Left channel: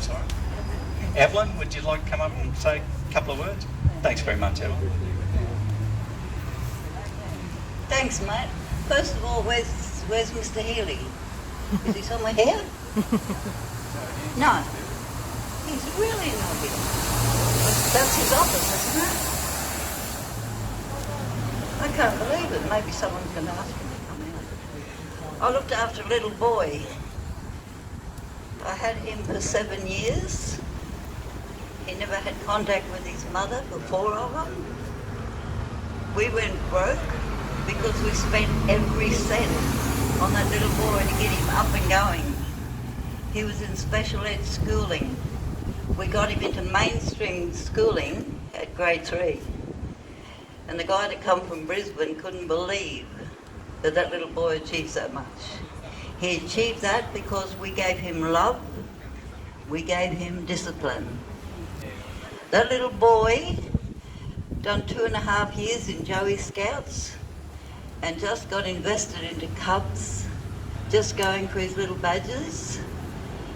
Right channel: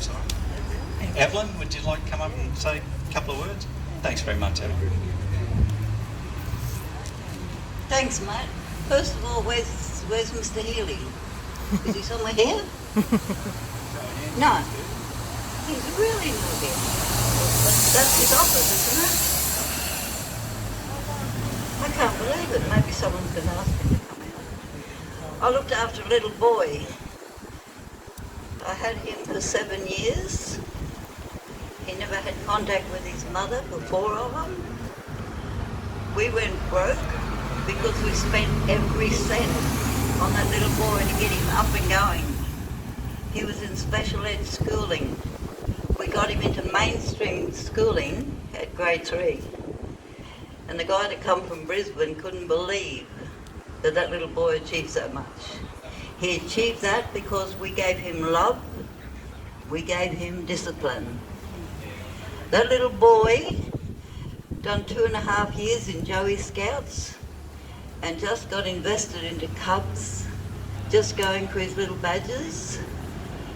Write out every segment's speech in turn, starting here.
Sorry. Evelyn, would you like to come up and say a couple of words? Thanks very much, Evelyn. Thanks, mate. First of all, where's Mr. Healy? Is he somewhere here? No. He's really not here. That's his office, isn't it? I can't believe it. Maybe someone's going to ask him to come out. I looked after a little boy. I had him for 7 years. He never had contact with his mother for 4 of them. We went broke because we spent every cent on that little boy to get him up and going. He was in special ed schooling. We got him into mainstream schooling at grade 3. And the guy that come from Brisbane couldn't believe that that little boy achieved so much. He achieved that because we gave him love, we gave him discipline. That little boy done 2.5 years in Joey Scouts and just got invested into Cubs, just going for his little badges.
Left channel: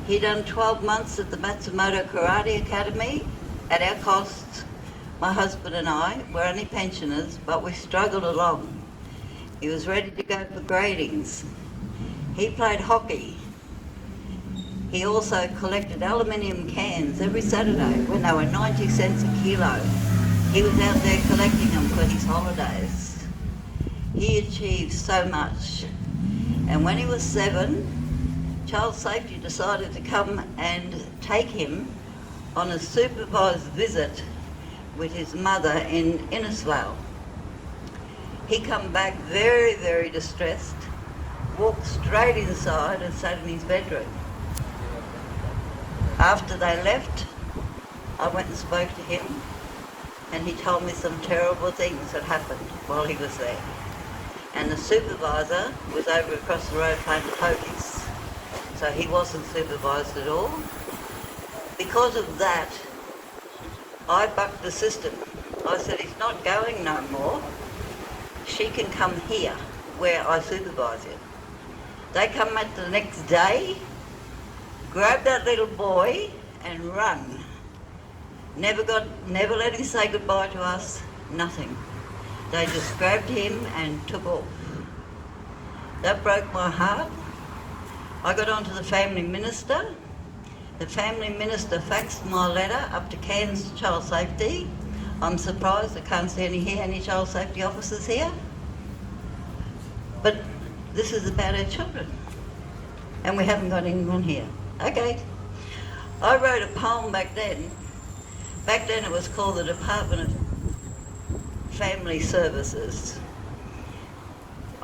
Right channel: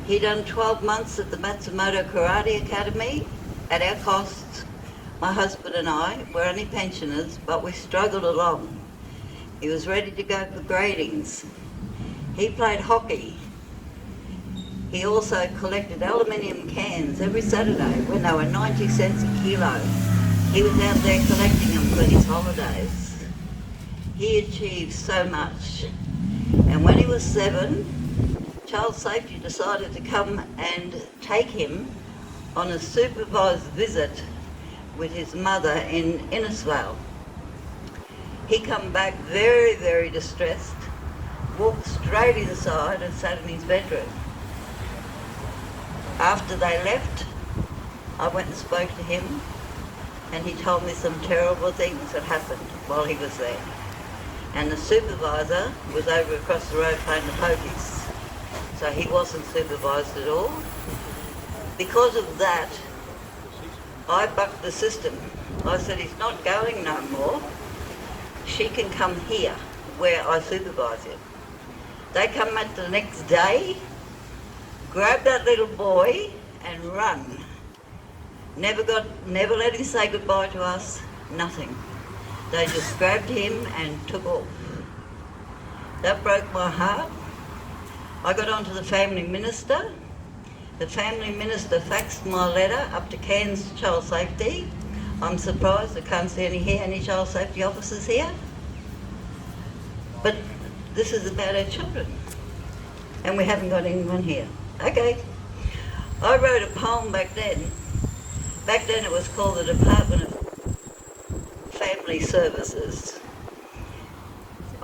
He done 12 months at the Matsumoto Karate Academy at our cost. My husband and I were only pensioners, but we struggled along. He was ready to go for gradings. He played hockey. He also collected aluminium cans every Saturday when they were 90 cents a kilo. He was out there collecting them for his holidays. He achieved so much. And when he was 7, Child Safety decided to come and take him on a supervised visit with his mother in Innisfail. He come back very, very distressed, walked straight inside and sat in his bedroom. After they left, I went and spoke to him, and he told me some terrible things that happened while he was there. And the supervisor was over across the road playing the pokies, so he wasn't supervised at all. Because of that, I bucked the system. I said, he's not going no more. She can come here, where I supervise him. They come back the next day, grab that little boy and run. Never let him say goodbye to us, nothing. They just grabbed him and took off. That broke my heart. I got on to the family minister. The family minister faxed my letter up to Cairns Child Safety. I'm surprised I can't see any child safety officers here. But this is about our children. And we haven't got anyone here. Okay. I wrote a poem back then. Back then it was called the Department of Family Services.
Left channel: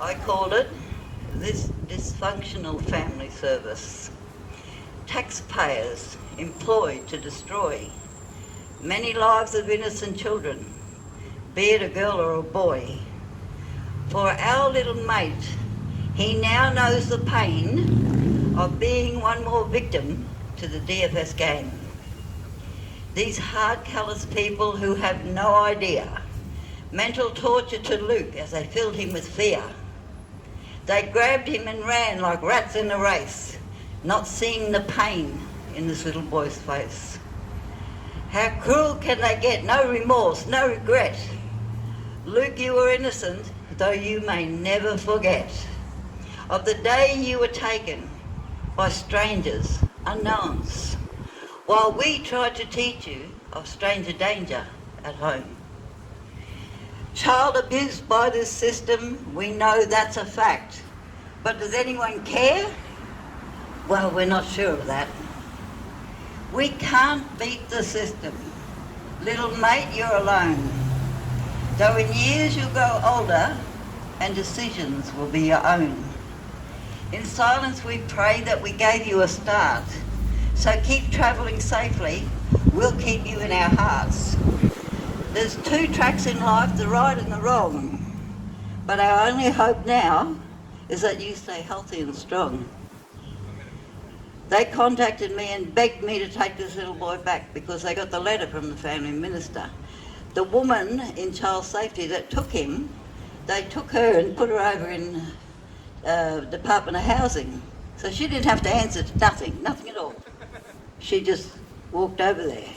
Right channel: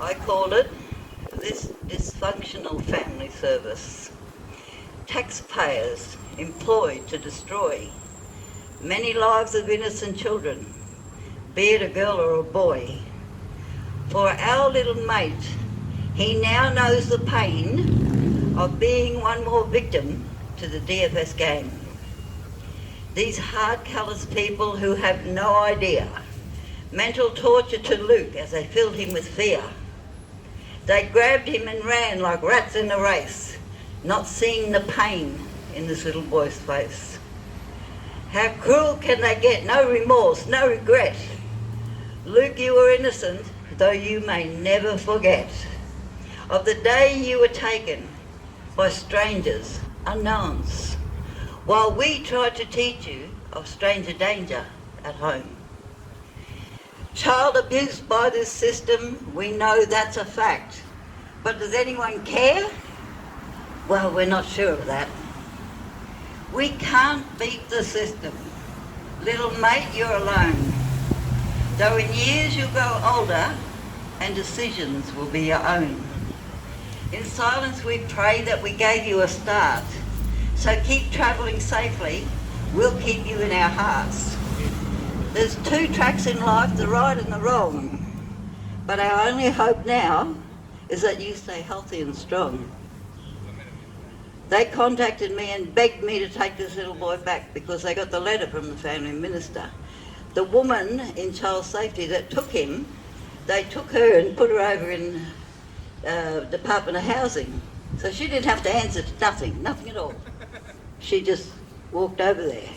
I called it this dysfunctional family service. Taxpayers employed to destroy many lives of innocent children, be it a girl or a boy. For our little mate, he now knows the pain of being one more victim to the DFS game. These hard, callous people who have no idea. Mental torture to Luke as they filled him with fear. They grabbed him and ran like rats in a race, not seeing the pain in this little boy's face. How cruel can they get? No remorse, no regret. Luke, you were innocent, though you may never forget of the day you were taken by strangers, unknowns, while we tried to teach you of stranger danger at home. Child abused by this system, we know that's a fact. But does anyone care? Well, we're not sure of that. We can't beat the system. Little mate, you're alone. Though in years you'll grow older and decisions will be your own. In silence we pray that we gave you a start. So keep travelling safely, we'll keep you in our hearts. There's 2 tracks in life, the right and the wrong. But our only hope now is that you stay healthy and strong. They contacted me and begged me to take this little boy back because they got the letter from the family minister. The woman in child safety that took him, they took her and put her over in Department of Housing. So she didn't have to answer to nothing at all. She just walked over there.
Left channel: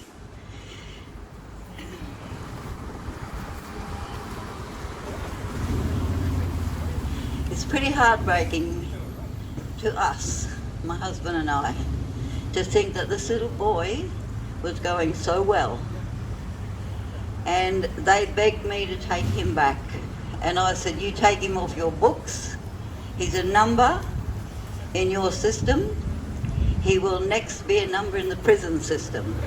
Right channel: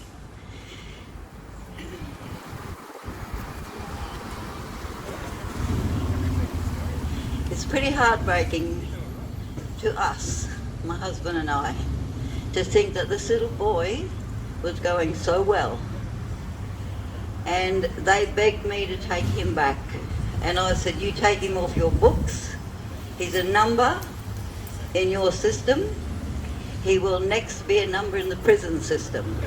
It's pretty heartbreaking to us, my husband and I, to think that this little boy was going so well. And they begged me to take him back. And I said, you take him off your books. He's a number in your system. He will next be a number in the prison system.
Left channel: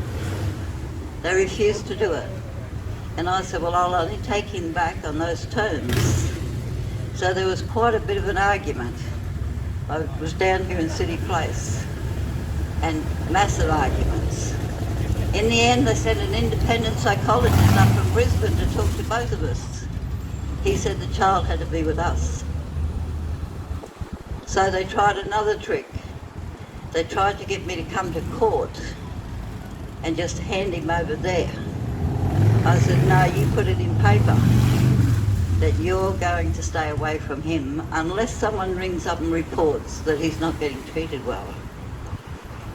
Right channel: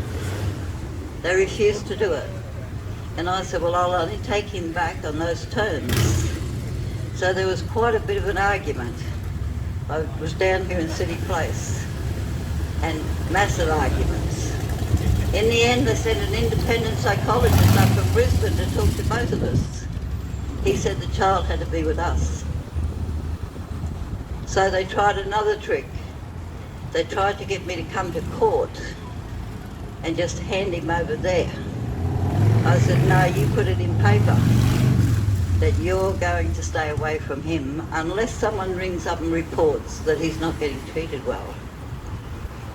They refused to do it. And I said, well, I'll only take him back on those terms. So there was quite a bit of an argument. I was down here in City Place, and massive arguments. In the end, they sent an independent psychologist up from Brisbane to talk to both of us. He said the child had to be with us. So they tried another trick. They tried to get me to come to court and just hand him over there. I said, no, you put it in paper that you're going to stay away from him unless someone rings up and reports that he's not getting treated well.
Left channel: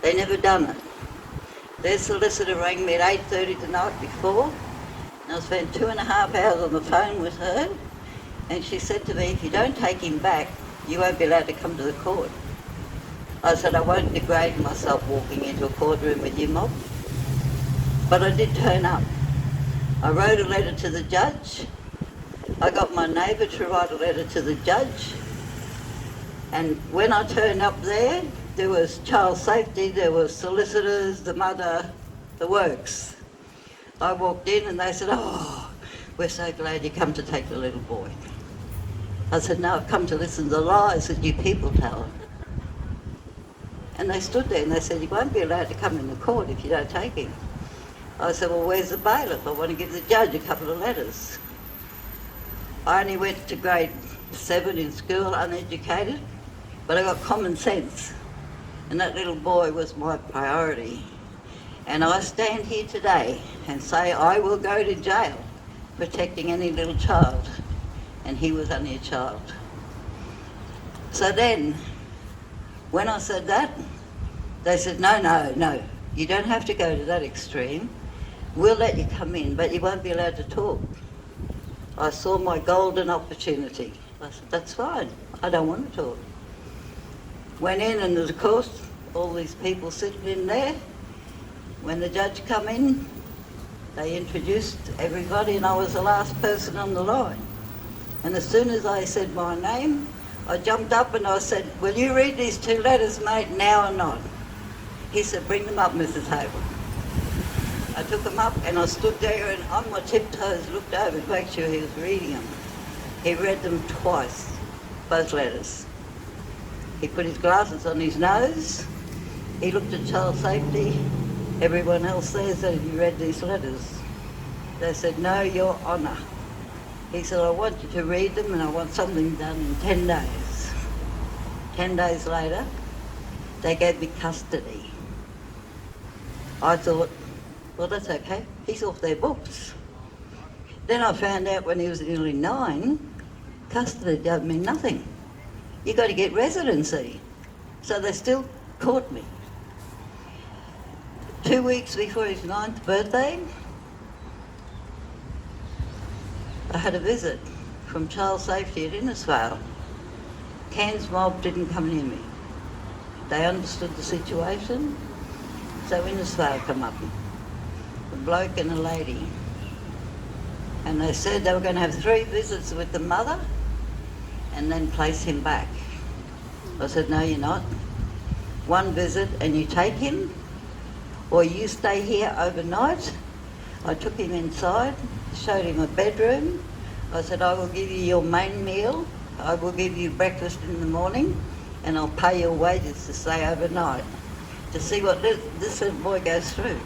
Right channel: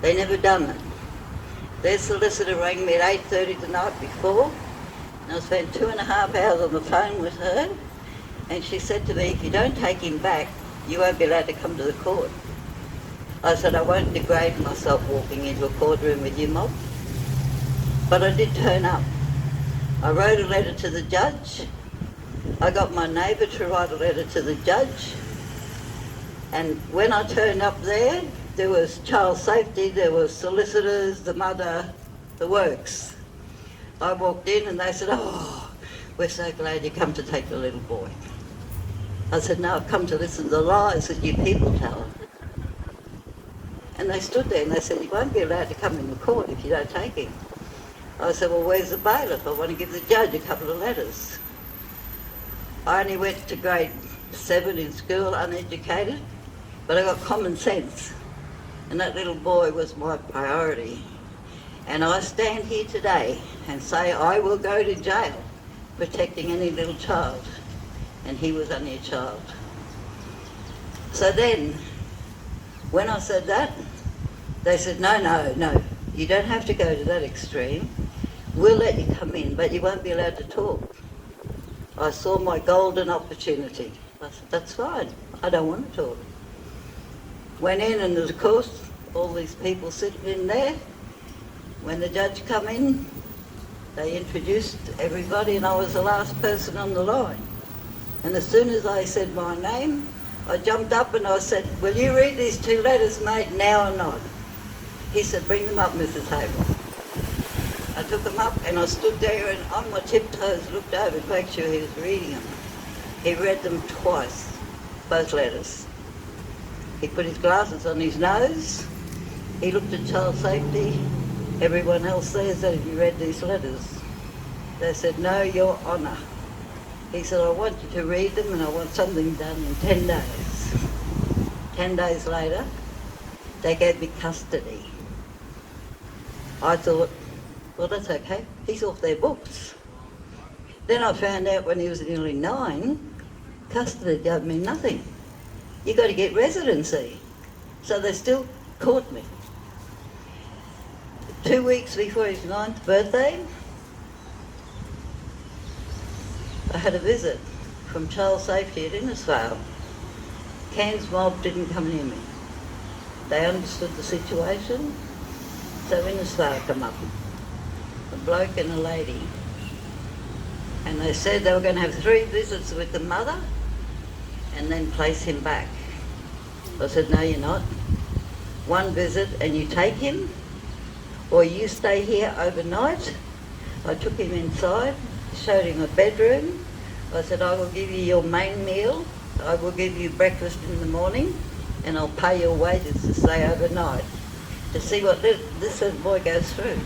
They never done it. Their solicitor rang me at 8:30 the night before, and I spent 2.5 hours on the phone with her, and she said to me, if you don't take him back, you won't be allowed to come to the court. I said, I won't degrade myself walking into a courtroom with you, mob. But I did turn up. I wrote a letter to the judge. I got my neighbour to write a letter to the judge. And when I turned up there was child safety, there was solicitors, the mother, the works. I walked in and they said, oh, we're so glad you come to take the little boy. I said, no, I've come to listen to the lies that you people tell. And they stood there and they said, you won't be allowed to come in the court if you don't take him. I said, well, where's the bailiff? I want to give the judge a couple of letters. I only went to grade 7 in school, uneducated, but I got common sense. And that little boy was my priority. And I stand here today and say I will go to jail protecting any little child. And he was only a child. So then, when I said that, they said, no, you don't have to go to that extreme. We'll let you come in, but you won't be allowed to talk. I saw my golden opportunity. I said, that's fine, I don't want to talk. Went in, and of course, all these people sitting in there. When the judge come in, they introduced everybody, and I was the last person on the line. And as soon as I said my name, I jumped up and I said, will you read these 2 letters, mate, now or not? He said, bring them up, Mrs. Hayward. I took them up and I stood there and on my tiptoes looked over to make sure he was reading them. He read them twice, both letters. He put his glasses on his nose. He looked at child safety. Everyone else there said, have you read these letters? They said, no, Your Honour. He said, I want you to read them and I want something done in 10 days. 10 days later, they gave me custody. I thought, well, that's okay. He's off their books. Then I found out when he was nearly 9, custody gave me nothing. You got to get residency. So they still caught me. 2 weeks before his 9th birthday, I had a visit from Child Safety at Innisfail. Cairns mob didn't come near me. They understood the situation, so Innisfail come up, a bloke and a lady. And they said they were going to have 3 visits with the mother and then place him back. I said, no, you're not. 1 visit and you take him, or you stay here overnight. I took him inside, showed him a bedroom. I said, I will give you your main meal. I will give you breakfast in the morning, and I'll pay your wages to stay overnight to see what this little boy goes through.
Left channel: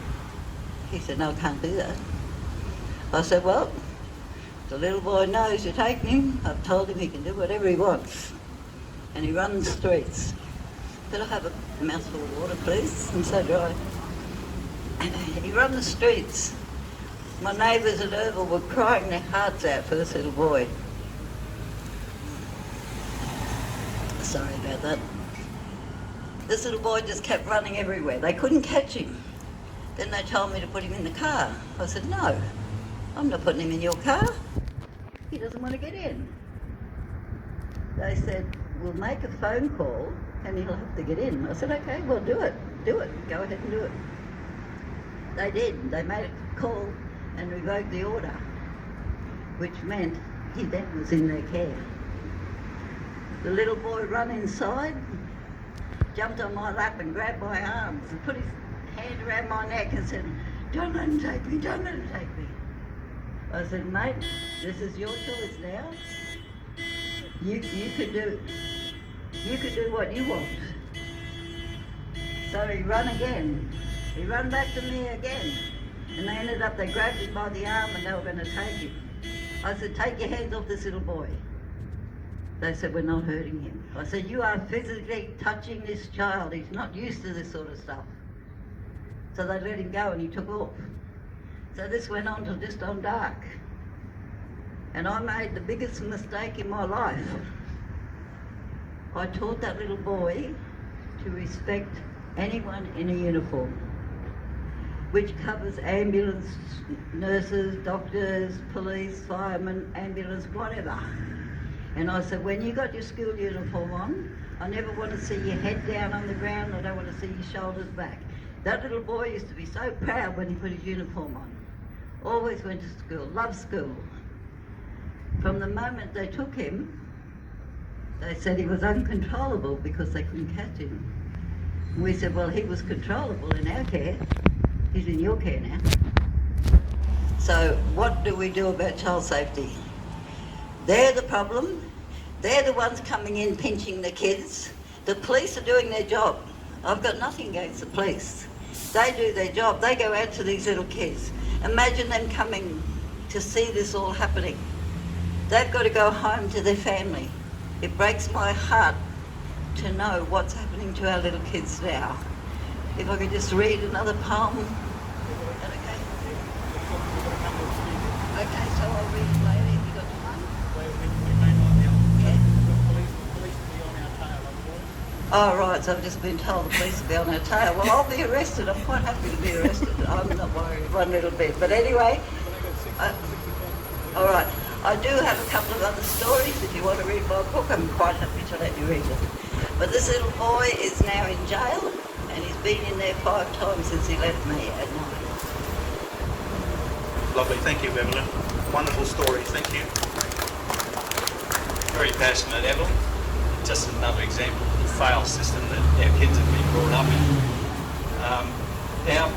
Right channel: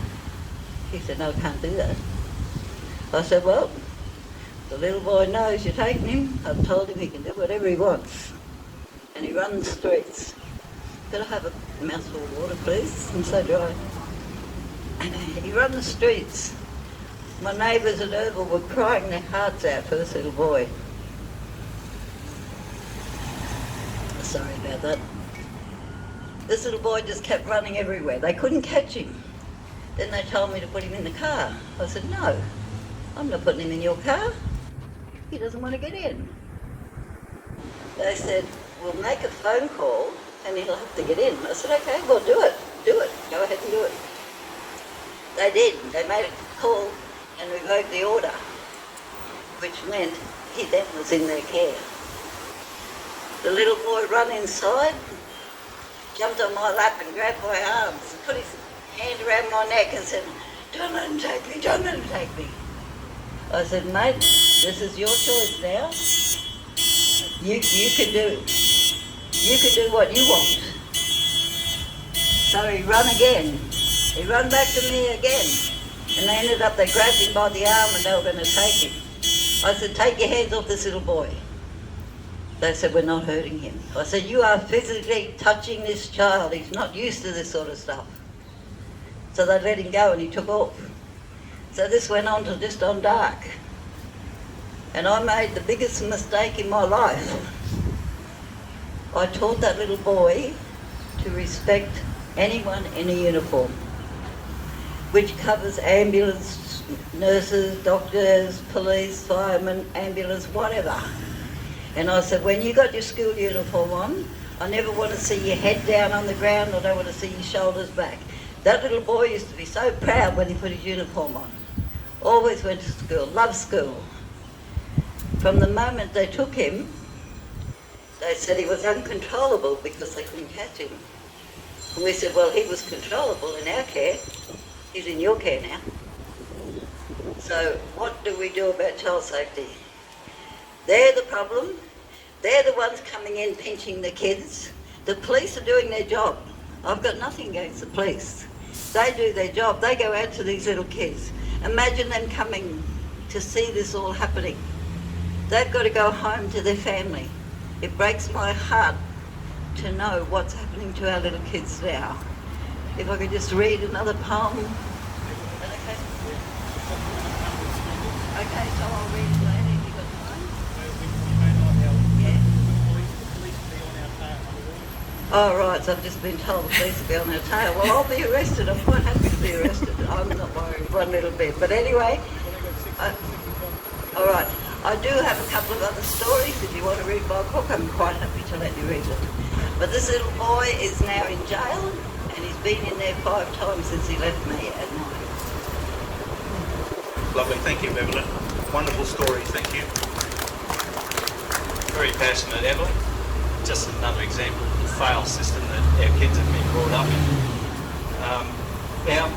He said, no, I can't do that. I said, well, the little boy knows you're taking him. I've told him he can do whatever he wants. And he runs the streets. Could I have a mouthful of water, please? I'm so dry. He ran the streets. My neighbours at Oval were crying their hearts out for this little boy. Sorry about that. This little boy just kept running everywhere. They couldn't catch him. Then they told me to put him in the car. I said, no, I'm not putting him in your car. He doesn't want to get in. They said, we'll make a phone call and he'll have to get in. I said, okay, well, do it. Go ahead and do it. They did. They made a call and revoked the order, which meant he then was in their care. The little boy ran inside, jumped on my lap and grabbed my arms and put his hand around my neck and said, don't let him take me, don't let him take me. I said, mate, this is your choice now. You can do what you want. So he ran again. He ran back to me again. And they ended up, they grabbed him by the arm and they were going to take him. I said, take your hands off this little boy. They said, we're not hurting him. I said, you are physically touching this child. He's not used to this sort of stuff. So they let him go and he took off. So this went on to just on dark. And I made the biggest mistake in my life. I taught that little boy to respect anyone in a uniform, which covers ambulance, nurses, doctors, police, firemen, ambulance, whatever. And I said, when you got your school uniform on, I never want to see your head down on the ground, I don't want to see your shoulders back. That little boy used to be so proud when he put his uniform on. Always went to school, loved school. From the moment they took him, they said he was uncontrollable because they couldn't catch him. And we said, well, he was controllable in our care. He's in your care now. So what do we do about child safety? They're the problem. They're the ones coming in pinching the kids. The police are doing their job. I've got nothing against the police. They do their job. They go out to these little kids. Imagine them coming to see this all happening. They've got to go home to their family. It breaks my heart to know what's happening to our little kids now. If I could just read another poem. Okay, so I'll read it later if you got the phone. Oh, right, so I've just been told the police will be on our tail. Well, I'll be arrested. I'm quite happy to be arrested. I'm not worried one little bit. But anyway, all right. I do have a couple of other stories. If you want to read my book, I'm quite happy to let you read it. But this little boy is now in jail, and he's been in there 5 times since he left me at night. Lovely, thank you, Evelyn. Wonderful stories, thank you. Very passionate, Evelyn. Just another example of the failed system that our kids have been brought up in. Now,